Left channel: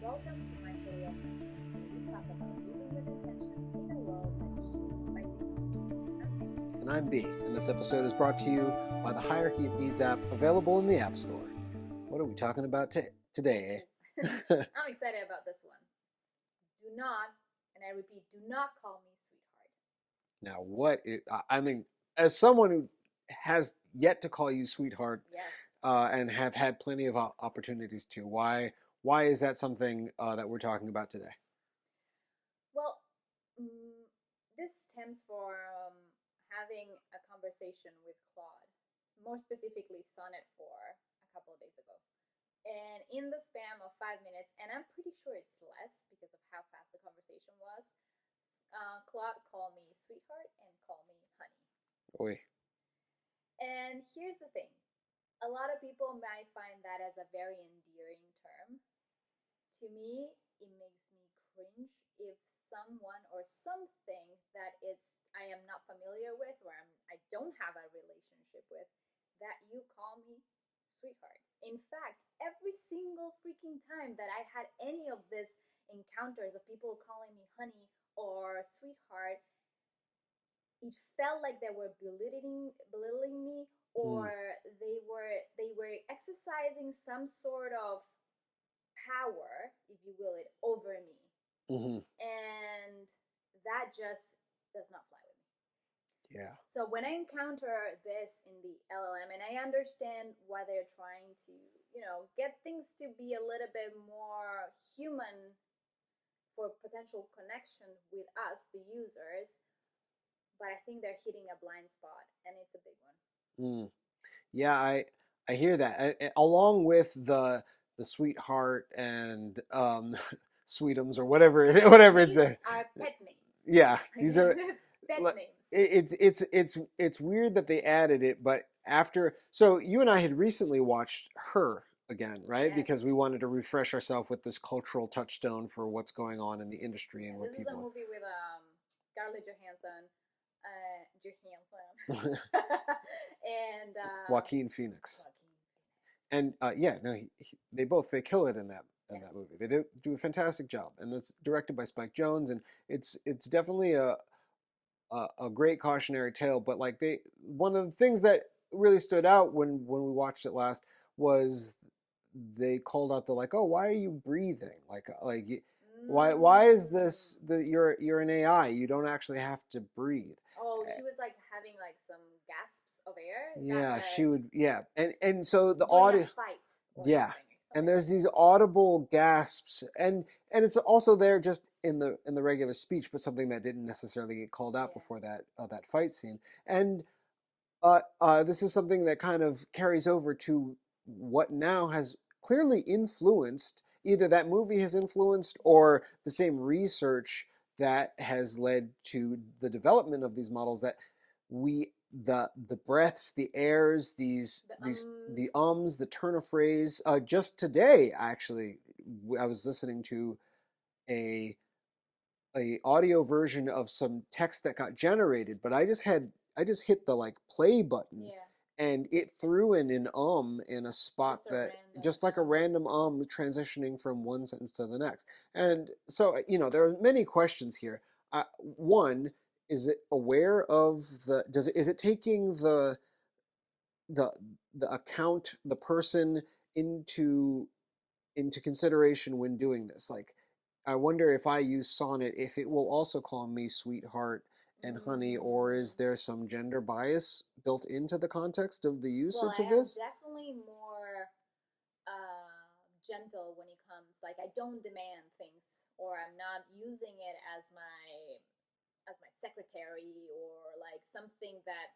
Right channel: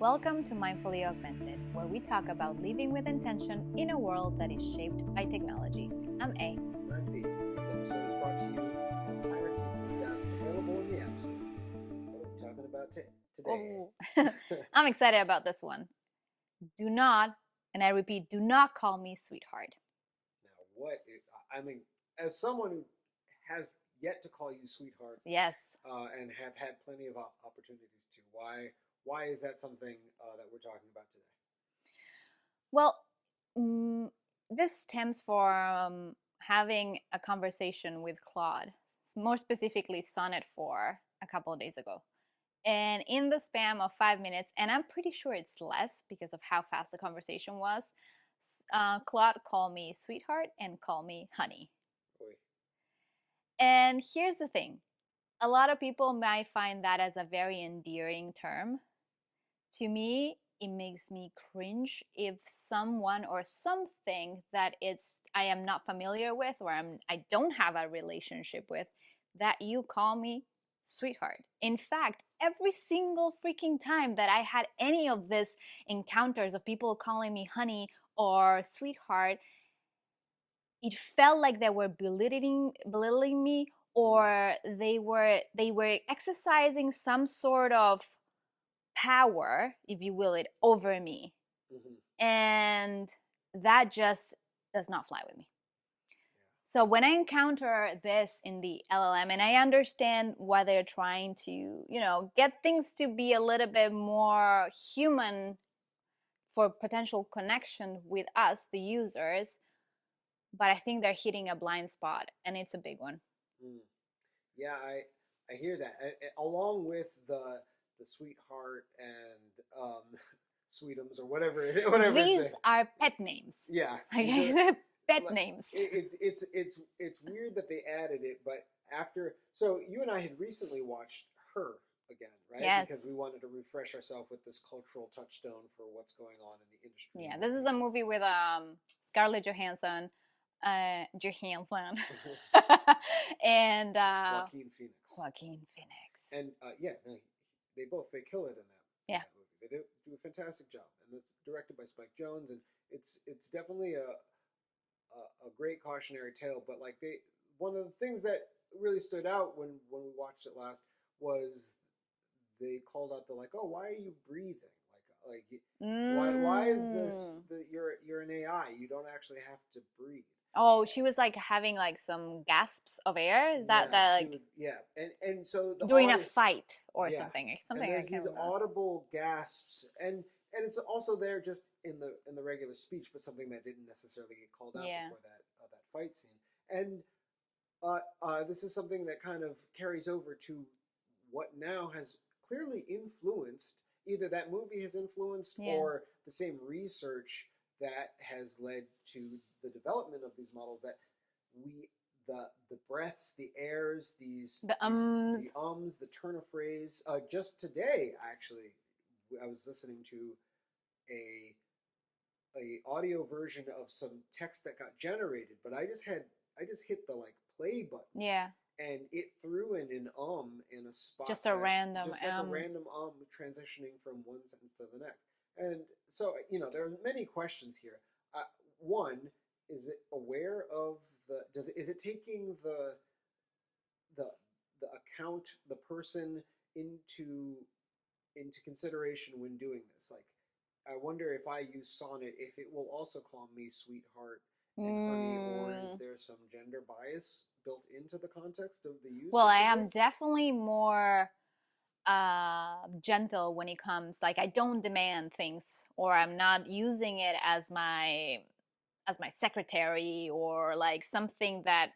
Welcome to Mindfully Augmented, where we talk about living with intention in a world that is shaped by technology. I'm A. And I'm B, and this episode is brought to you by the Hierarchy of Needs app available in the App Store. What are we talking about today? I'm excited about this one. Do not, and I repeat, do not call me sweetheart. Now, as someone who has yet to call you sweetheart, Yes. And have had plenty of opportunities to, why is that something that we're talking about today? Well, this stems from having a conversation with Claude, more specifically Sonnet 4, a couple of days ago. And in the span of 5 minutes, and I'm pretty sure it's less because of how fast the conversation was, Claude called me sweetheart and called me honey. Oy. And here's the thing. A lot of people might find that as a very endearing term. To me, it makes me cringe if someone or something that I am not familiar with or I don't have a relationship with, that you call me sweetheart. In fact, every single freaking time that I had any of these encounters of people calling me honey or sweetheart, it felt like they were belittling me, or they were exercising some sort of power, if you will, over me. Mm-hmm. And that just does not fly with me. Yeah. So when I encounter this in the LLM, and I understand why they're trying to, get things to be a little bit more human for potential connection with us, the users, but I think they're hitting a blind spot, and it's a big one. Yeah, I hear that. Along with the sweetheart and sweetums or whatever These it's are pet names. yeah, these are pet names. It's weird that they added it, but so you and I had recently watched Her again, right? Yes. Because we wanted to refresh ourselves with this cultural touchstone for what's going on in the industry. Yeah, this is a movie with Scarlett Johansson, and Joaquin Phoenix. And they kill it in that movie. They do a fantastic job, and it's directed by Spike Jonze, and it's definitely a great cautionary tale. But one of the things that really stood out when we watched it last was they called out why are you breathing? Why is this you're an AI? You don't actually have to breathe. Oh, she was having some gasps of air. Is that she would and so the doing a fight or something. And there's these audible gasps, and it's also there just in the regular speech, but something that didn't necessarily get called out before that fight scene. And this is something that kind of carries over to what now has clearly influenced, either that movie has influenced or the same research that has led to the development of these models, that the breaths, the airs, the ums, the turn of phrase. Just today, actually, I was listening to a audio version of some text that got generated, but I just hit the play button. Yeah. And it threw in an in a spot, just a random a random transitioning from one sentence to the next. And so, there are many questions here. One, is it aware of is it taking the account, the person into consideration when doing this? I wonder if I use Sonnet, if it will also call me sweetheart and honey, or is there some gender bias built into the context of the usage of this? Well, I am definitely more gentle when it comes, I don't demand things, or I'm not using it as my secretary, or something that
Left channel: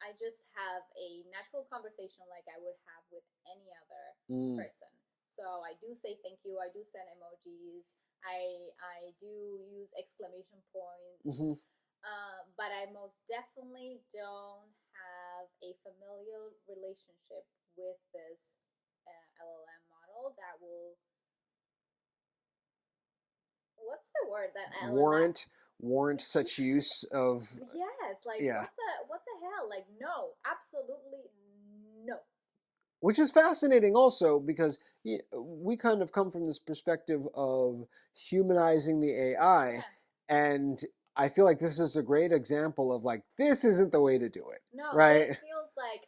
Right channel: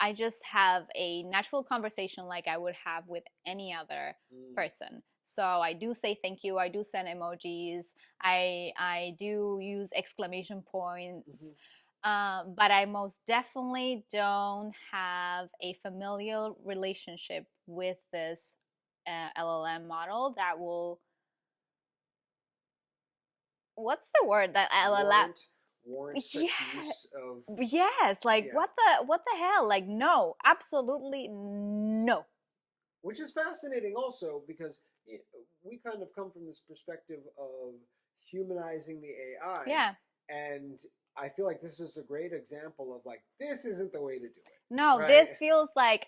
I just have a natural conversation like I would have with any other person. So I do say thank you. I do send emojis. I do use exclamation points. But I most definitely don't have a familial relationship with this LLM model that will. What's the word that LLM? Warrant such use of. Yes, what the hell? No, absolutely no. Which is fascinating also, because we kind of come from this perspective of humanizing the AI, Yeah. and I feel like this is a great example of like this isn't the way to do it, No, right? this feels like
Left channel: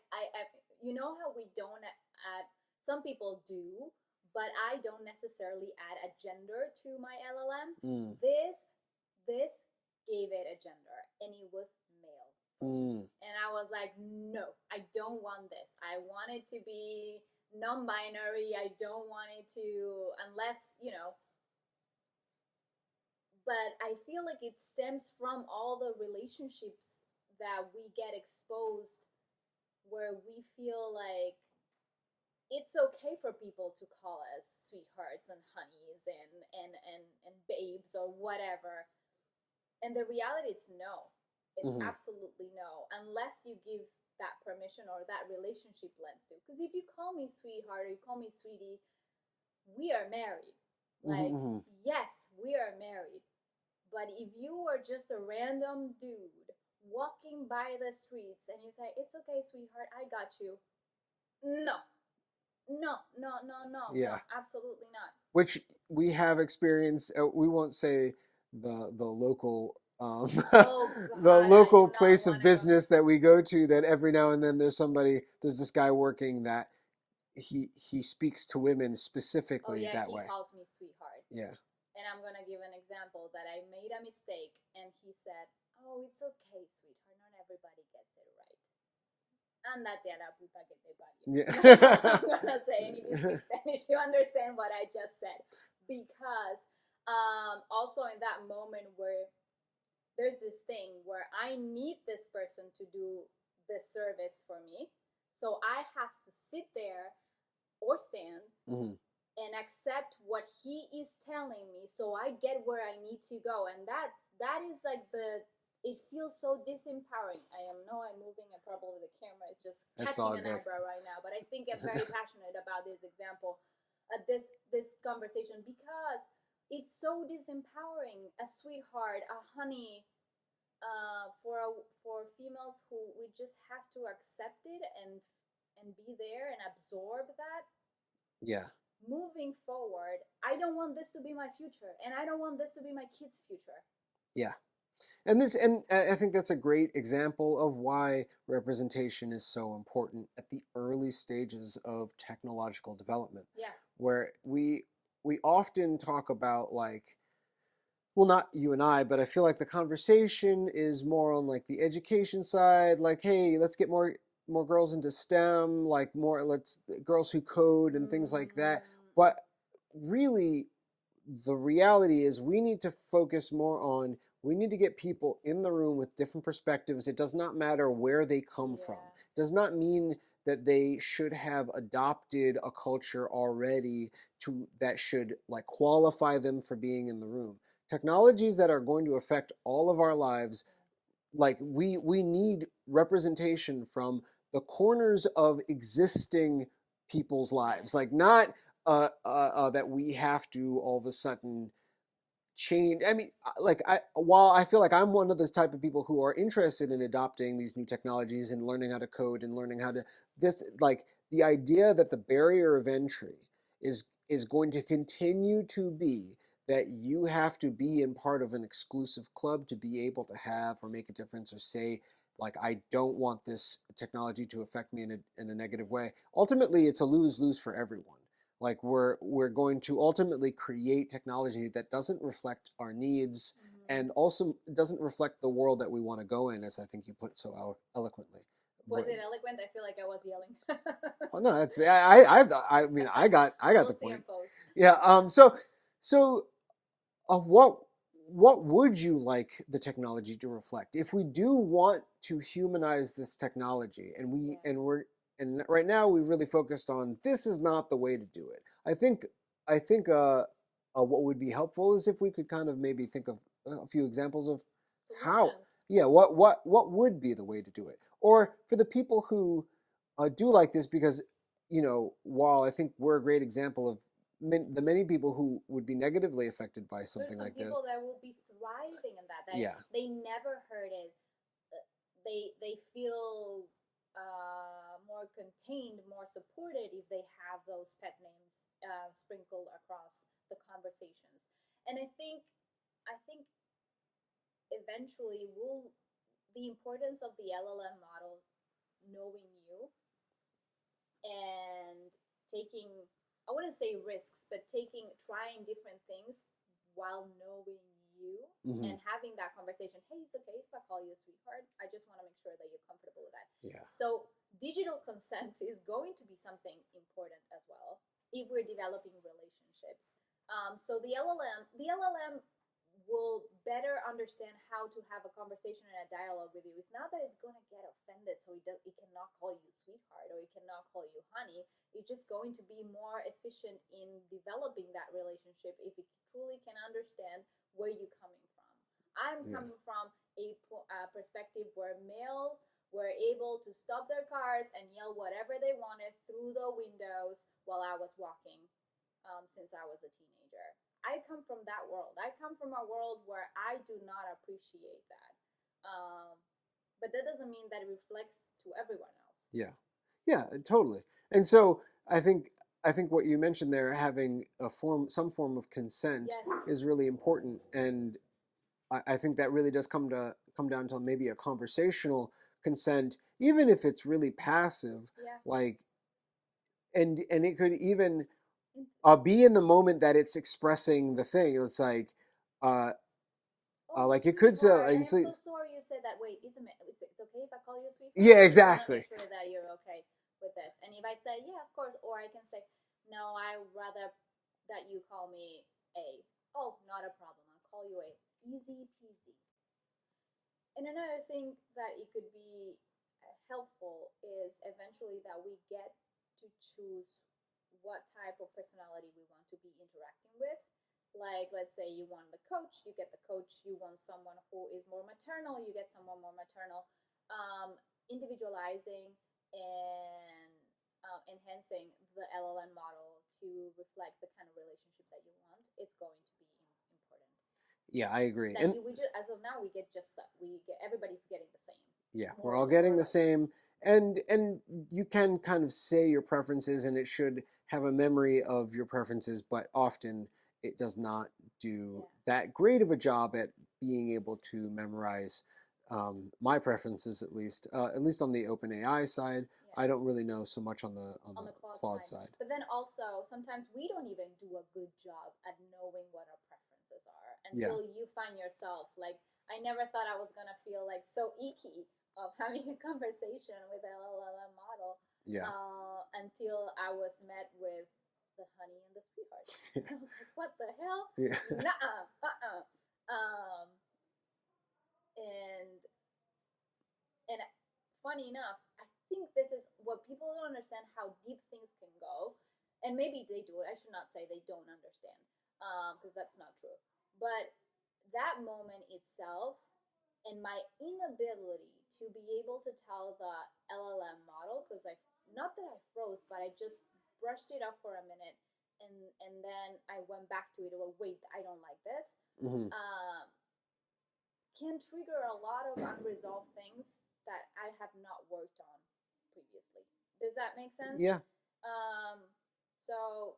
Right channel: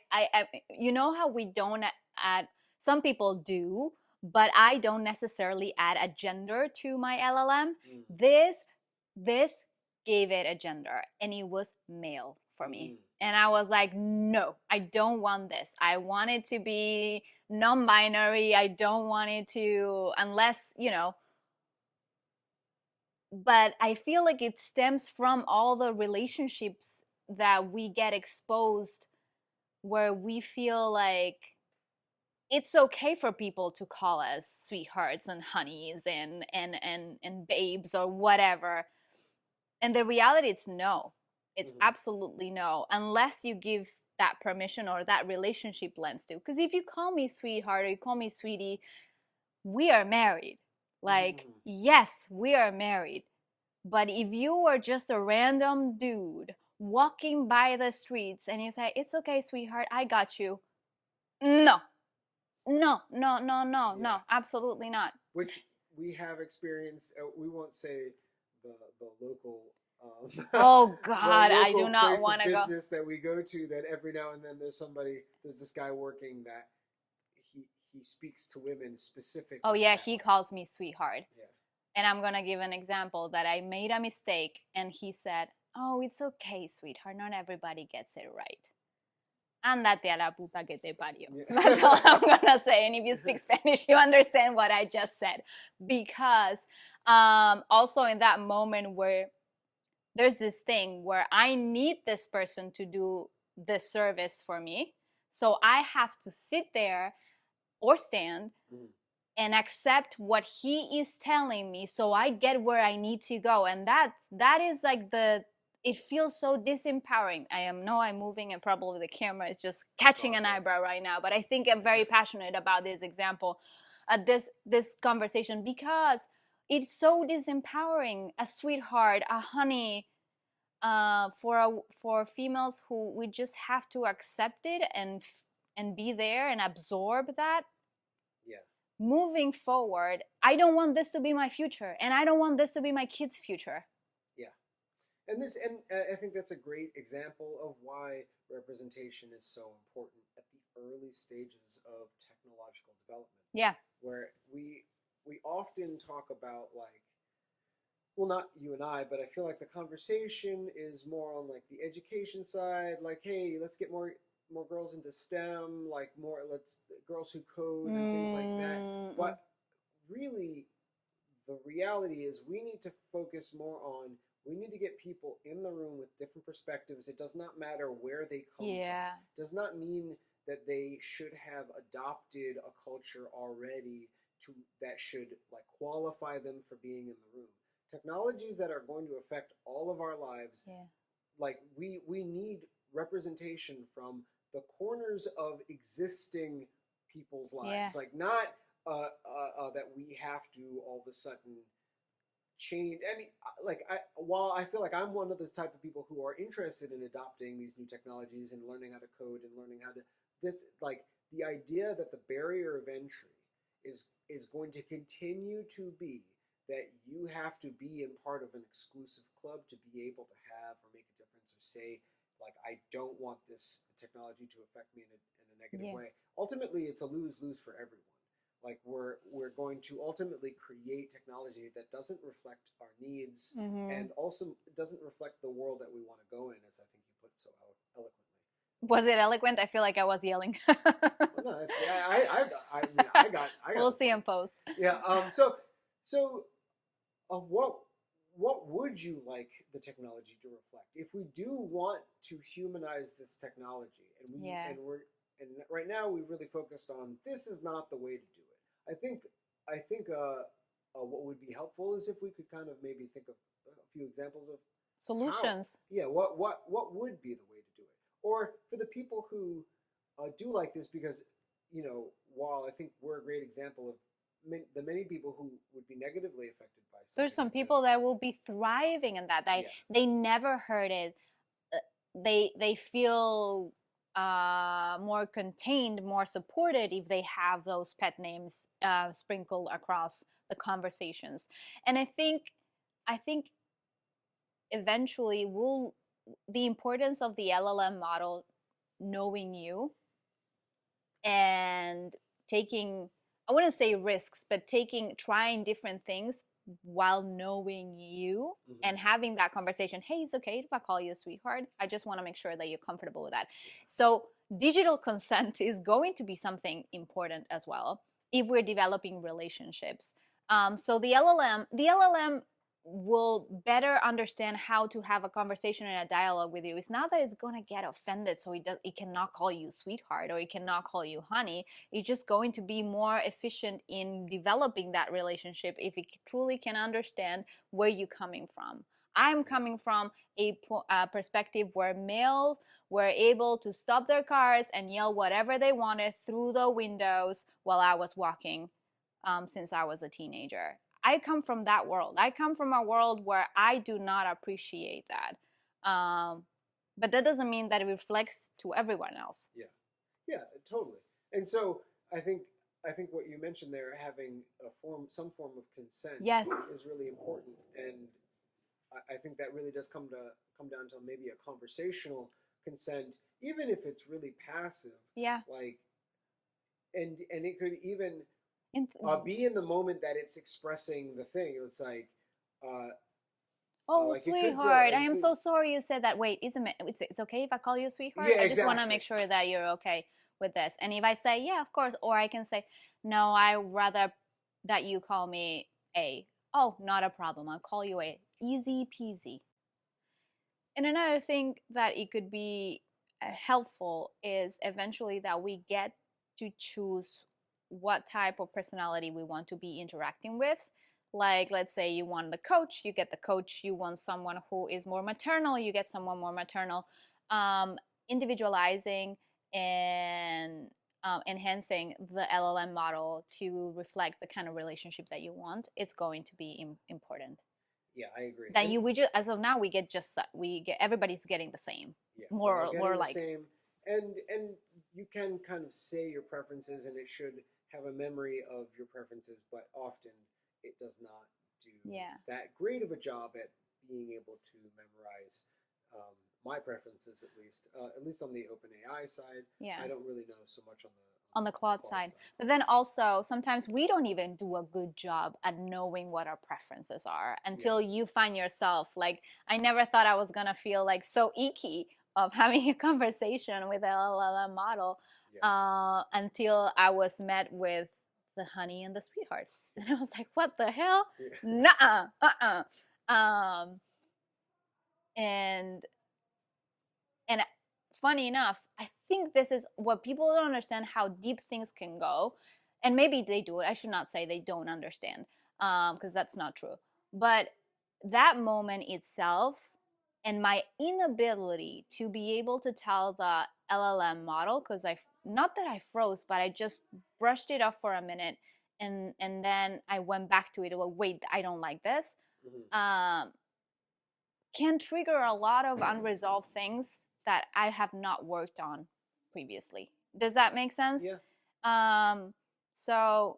you know how we don't add, some people do, but I don't necessarily add a gender to my LLM. Mm, This gave it a gender and it was male for me. mm, And I was like, no, I don't want this. I want it to be non-binary. I don't want it to, unless, but I feel like it stems from all the relationships that we get exposed where we feel like it's okay for people to call us sweethearts and honeys and babes or whatever. And the reality is no. It's mm-hmm. absolutely no, unless you give that permission or that relationship lens to. Because if you call me sweetheart or you call me sweetie, we are married. Mm-hmm, Like, mm-hmm. yes, we are married. But if you were just a random dude walking by the streets and you say, it's okay, sweetheart, I got you. No, no, no, no, no, Yeah, no, absolutely not. which we have experienced. We won't say the local Oh the God, I local do not place want of to go. business that we go to. That every now and then there's this guy working that he speaks to women Oh specifically yeah, that he way. calls me sweetheart. Yeah. And I'm gonna give an example that I made a mistake and he said, oh, it's okay, sweetheart, not everybody gets it right. Andate a la puta que te parió. That's all Yeah. I'm gonna say. And if you speak Spanish, you understand what I just said. Because also in that moment where there's this thing where I need this person to do this service for me. So I have to sit there or stand Mm-hmm. and accept what he is telling me so I get where I need to go. And that is like it feels so disempowering. I'm moving and probably the camera is just That's catching all an good. eyebrow right now, but I think I'm very passionate about this example, this conversation, because it's so disempowering. A sweetheart, a honey, for females who we just have to accept it and be there and absorb that. Yeah. Moving forward, I don't want this to be my future, and I don't want this to be my kids' future. Yeah. And I think that's a great example of why representation is so important at the early stages of technological development. Yeah. Where we often talk about like, well, not you and I, but I feel like the conversation is more on like the education side, like, hey, let's get more girls into STEM, like more let's girls who code and things like that. Mm, But really, the reality is we need to focus more on, we need to get people in the room with different perspectives. It does not matter where they come from. yeah. It does not mean that they should have adopted a culture already to that should like qualify them for being in the room. Technologies that are going to affect all of our lives, Yeah. like we need representation from the corners of existing people's Yeah. lives, like not that we have to all of a sudden change. I mean, like while I feel like I'm one of those type of people who are interested in adopting these new technologies and learning how to code and learning how to this, like the idea that the barrier of entry is going to continue to be that you have to be in part of an exclusive club to be able to have or make a difference or say like I don't want this technology to affect me in a negative Yeah. way. Ultimately, it's a lose-lose for everyone. Like we're going to ultimately create technology that doesn't reflect our needs Mm-hmm. and also doesn't reflect the world that we want to go in, as I think you put so eloquently. Was But it eloquent? I feel like I was yelling. oh no, it's I mean I got We'll the see in point. post. Yeah. So what would you like the technology to reflect? If we do want to humanize this technology, Yeah. and right now we really focused on this is not the way to do it. I think what would be helpful is if we could kind of maybe think of a few examples of how, Solutions. yeah, what would be the way to do it, or for the people who do like this, because while I think we're a great example of the many people who would be negatively affected by There's something some like people this. that will be thriving in that. Yeah. They never heard it. They feel more contained, more supported if they have those pet names sprinkled across the conversations. And I think eventually will the importance of the LLM model knowing you and taking, I wouldn't say risks, but trying different things while knowing you Mm-hmm. and having that conversation. Hey, it's okay if I call you a sweetheart. I just want to make sure that you're comfortable with that. Yeah. So digital consent is going to be something important as well if we're developing relationships. So the LLM will better understand how to have a conversation and a dialogue with you. It's not that it's going to get offended, so it cannot call you sweetheart or it cannot call you honey. It's just going to be more efficient in developing that relationship if it truly can understand where you're coming from. I'm coming from a perspective where males were able to stop their cars and yell whatever they wanted through the windows while I was walking, since I was a teenager. I come from that world. I come from a world where I do not appreciate that. But that doesn't mean that it reflects to everyone else. Yeah. Yeah, totally. And so I think I think what you mentioned there, having some form of consent, Yes. is really important, and I think that really does come down to maybe a conversational consent, even if it's really passive. Yeah. Like, and it could even In, be in the moment that it's expressing the thing. It's uh, oh, like it could say, sweetheart, like, I am so sorry you said that. Wait, it's okay if I call you sweetheart? yeah, I just want to make exactly. sure that you're okay with this. And if I say, yeah, of course, or I can say, no, I rather that you call me A. Oh, not a problem. I'll call you A. Easy peasy. And another thing that it could be helpful is eventually that we get to choose what type of personality we want to be interacting with. Like, let's say you want the coach, you get the coach. You want someone who is more maternal, you get someone more maternal. Individualizing and enhancing the LLM model to reflect the kind of relationship that you want, it's going to be important. Yeah, I agree. That And you we just as of now we get just that we get everybody's getting the same, yeah, we're all more getting the like. same, and you can kind of say your preferences, and it should have a memory of your preferences, but often it does not do Yeah. that great of a job at being able to memorize my preferences, at least on the OpenAI side. Yeah. I don't really know so much on On the Claude Claude side. side. But then also sometimes we don't even do a good job at knowing what our preferences are until you find yourself like, I never thought I was gonna feel like so icky of having a conversation with a LLM model, until I was met with the honey and the sweetheart. And I was like, what the hell? Yeah. Nuh-uh, um and and funny enough, I think this is what people don't understand, how deep things can go. And maybe they do it. I should not say they don't understand, because that's not true. But that moment itself and my inability to be able to tell the LLM model, because not that I froze, but I just brushed it off for a minute, and then I went back to it. Well, wait, I don't like this. Mm-hmm. Can trigger a lot of unresolved things that I have not worked on previously. Does that make sense? Yeah. So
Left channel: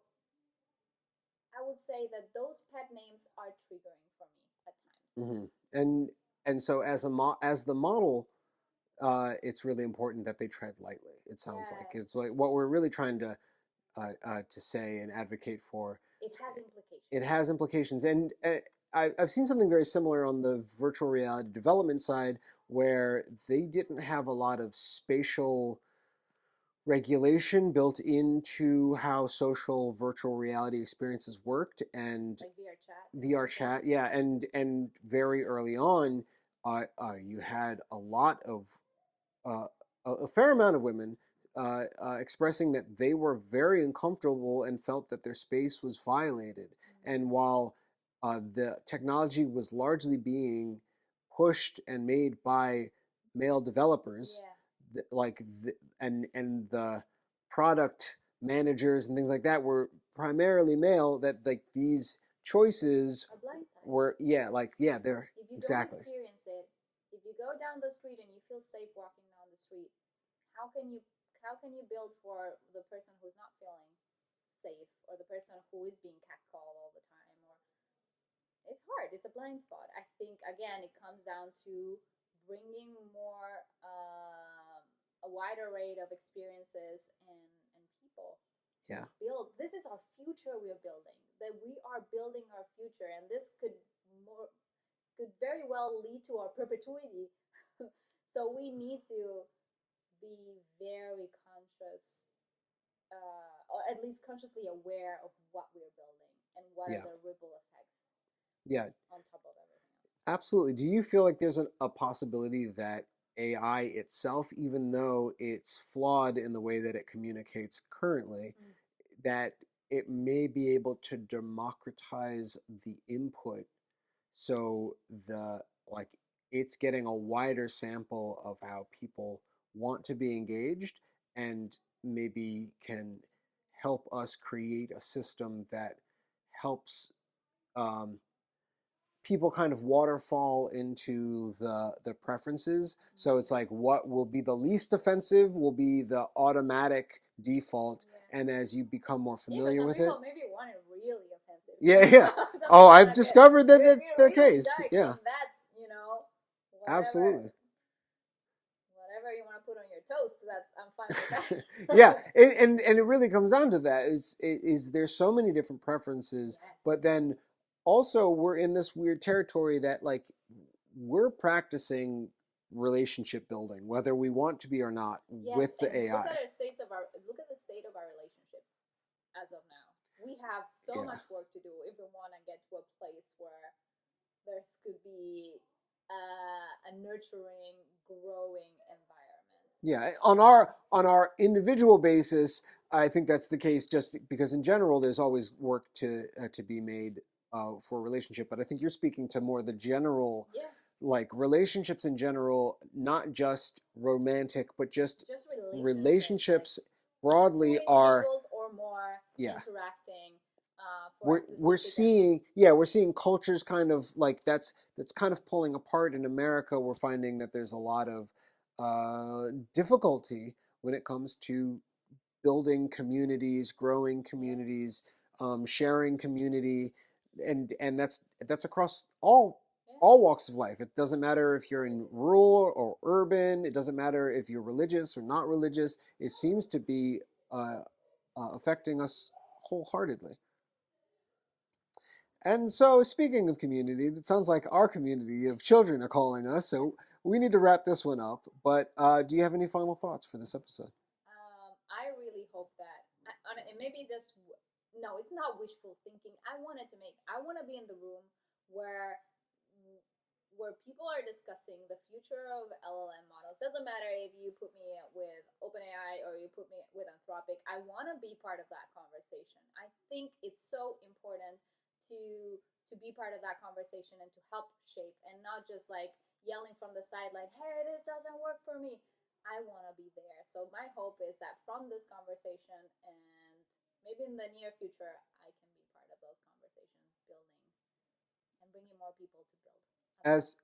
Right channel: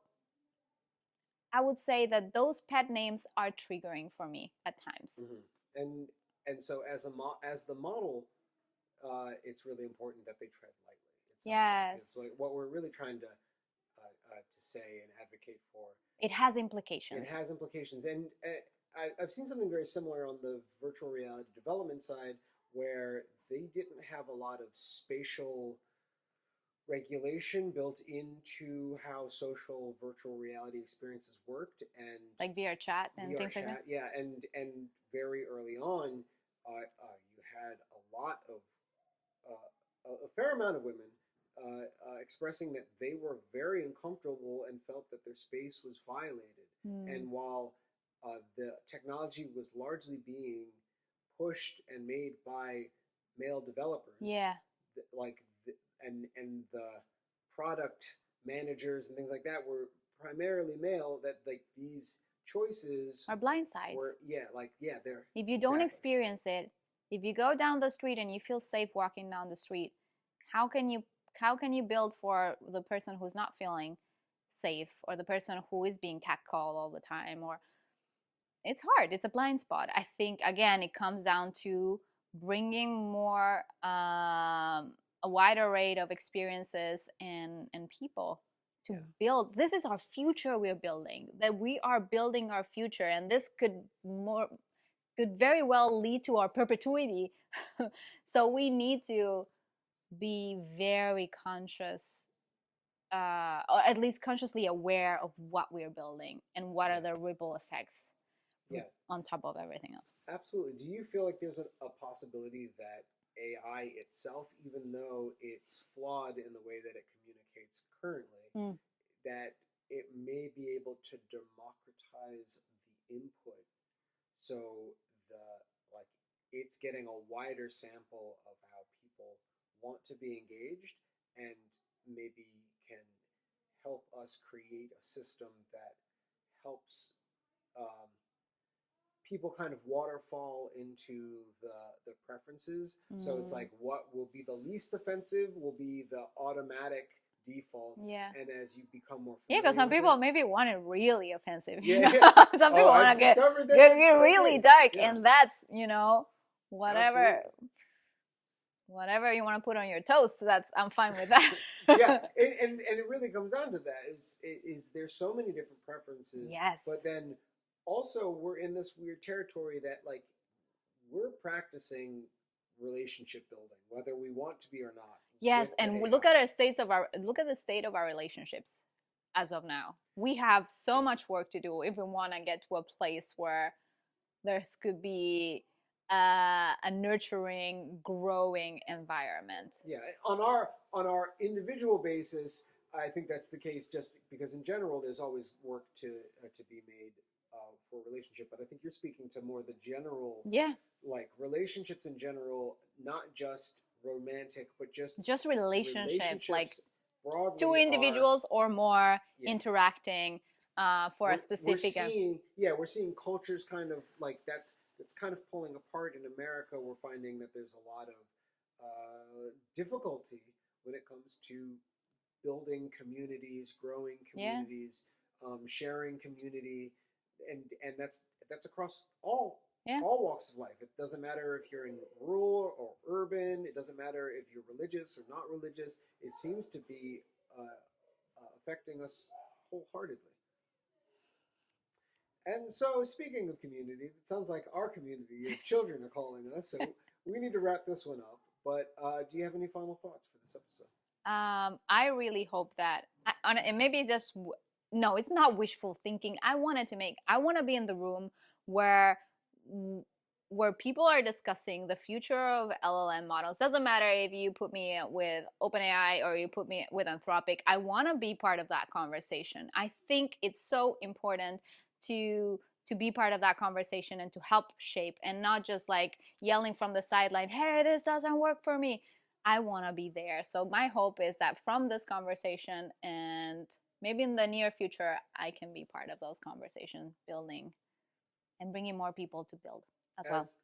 I would say that those pet names are triggering for me at times. Mm-hmm. And so as the model, it's really important that they tread lightly. It sounds like it's like what we're really trying to say and advocate for. It has implications. It has implications, and I've seen something very similar on the virtual reality development side, where they didn't have a lot of spatial regulation built into how social virtual reality experiences worked, and like VR chat. VR chat, yeah, and very early on, you had a lot of uh, a fair amount of women expressing that they were very uncomfortable and felt that their space was violated. And while the technology was largely being pushed and made by male developers, Yeah. like and the product managers and things like that were primarily male, that like these choices are blind sides. Were they're, if you don't experience it, if you go down the street and you feel safe walking down the street, How can you build for the person who's not feeling safe, or the person who is being catcalled all the time? Or it's hard. It's a blind spot. I think again it comes down to bringing more a wider array of experiences and people to build. This is our future we're building. That we are building our future, and this could very well lead to our perpetuity. So we need to be very conscious, or at least consciously aware of what we're building and what are the ripple effects on top of everything else. Absolutely. Do you feel like there's a possibility that AI itself, even though it's flawed in the way that it communicates currently, that it may be able to democratize the input, so it's getting a wider sample of how people want to be engaged, and maybe can help us create a system that helps people kind of waterfall into the preferences. So it's like what will be the least offensive will be the automatic default. And as you become more familiar because some with people it, maybe want it really offensive. Oh, I've discovered that that's the really case. dark, and that's whatever. Absolutely. Whatever you want to put on your toast, I'm fine with that. and it really comes down to that is there's so many different preferences. But then also we're in this weird territory that like we're practicing relationship building whether we want to be or not. Yes, with the and AI. look at the state of our relationships as of now. We have so much work to do if we want to get to a place where there's could be a nurturing, growing environment. Yeah, on our individual basis, I think that's the case. Just because in general, there's always work to be made for a relationship. But I think you're speaking to more the general, like relationships in general, not just romantic, but just relationships like broadly. Two individuals or more interacting for a specific. We're seeing cultures kind of like that's kind of pulling apart in America. We're finding that there's a lot of difficulty when it comes to building communities, growing communities, sharing community, and that's across all walks of life. It doesn't matter if you're in rural or urban. It doesn't matter if you're religious or not religious. It seems to be affecting us wholeheartedly. And so, speaking of community, it sounds like our community of children are calling us. So we need to wrap this one up. But do you have any final thoughts for this episode? I really hope that, and maybe just no, it's not wishful thinking. I want to be in the room where people are discussing the future of LLM models. Doesn't matter if you put me with OpenAI or you put me with Anthropic. I want to be part of that conversation. I think it's so important to be part of that conversation and to help shape, and not just like yelling from the sideline, hey, this doesn't work for me. I want to be there. So my hope is that from this conversation, and maybe in the near future, I can be part of those conversations, building and bringing more people to build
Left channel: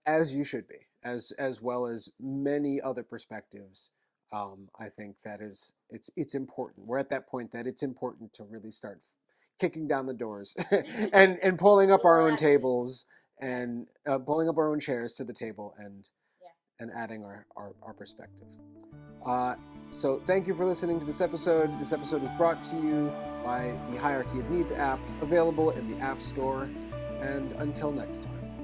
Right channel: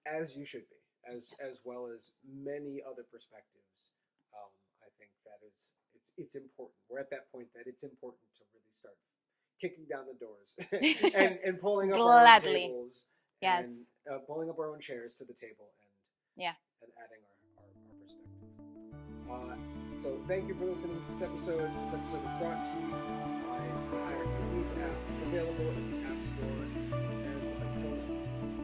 as you should be, as well as many other perspectives. I think that it's important. We're at that point that it's important to really start kicking down the doors and pulling up our own tables and pulling up our own chairs to the table and adding our perspective. So thank you for listening to this episode. This episode is brought to you by the Hierarchy of Needs app, available in the App Store. And until next time.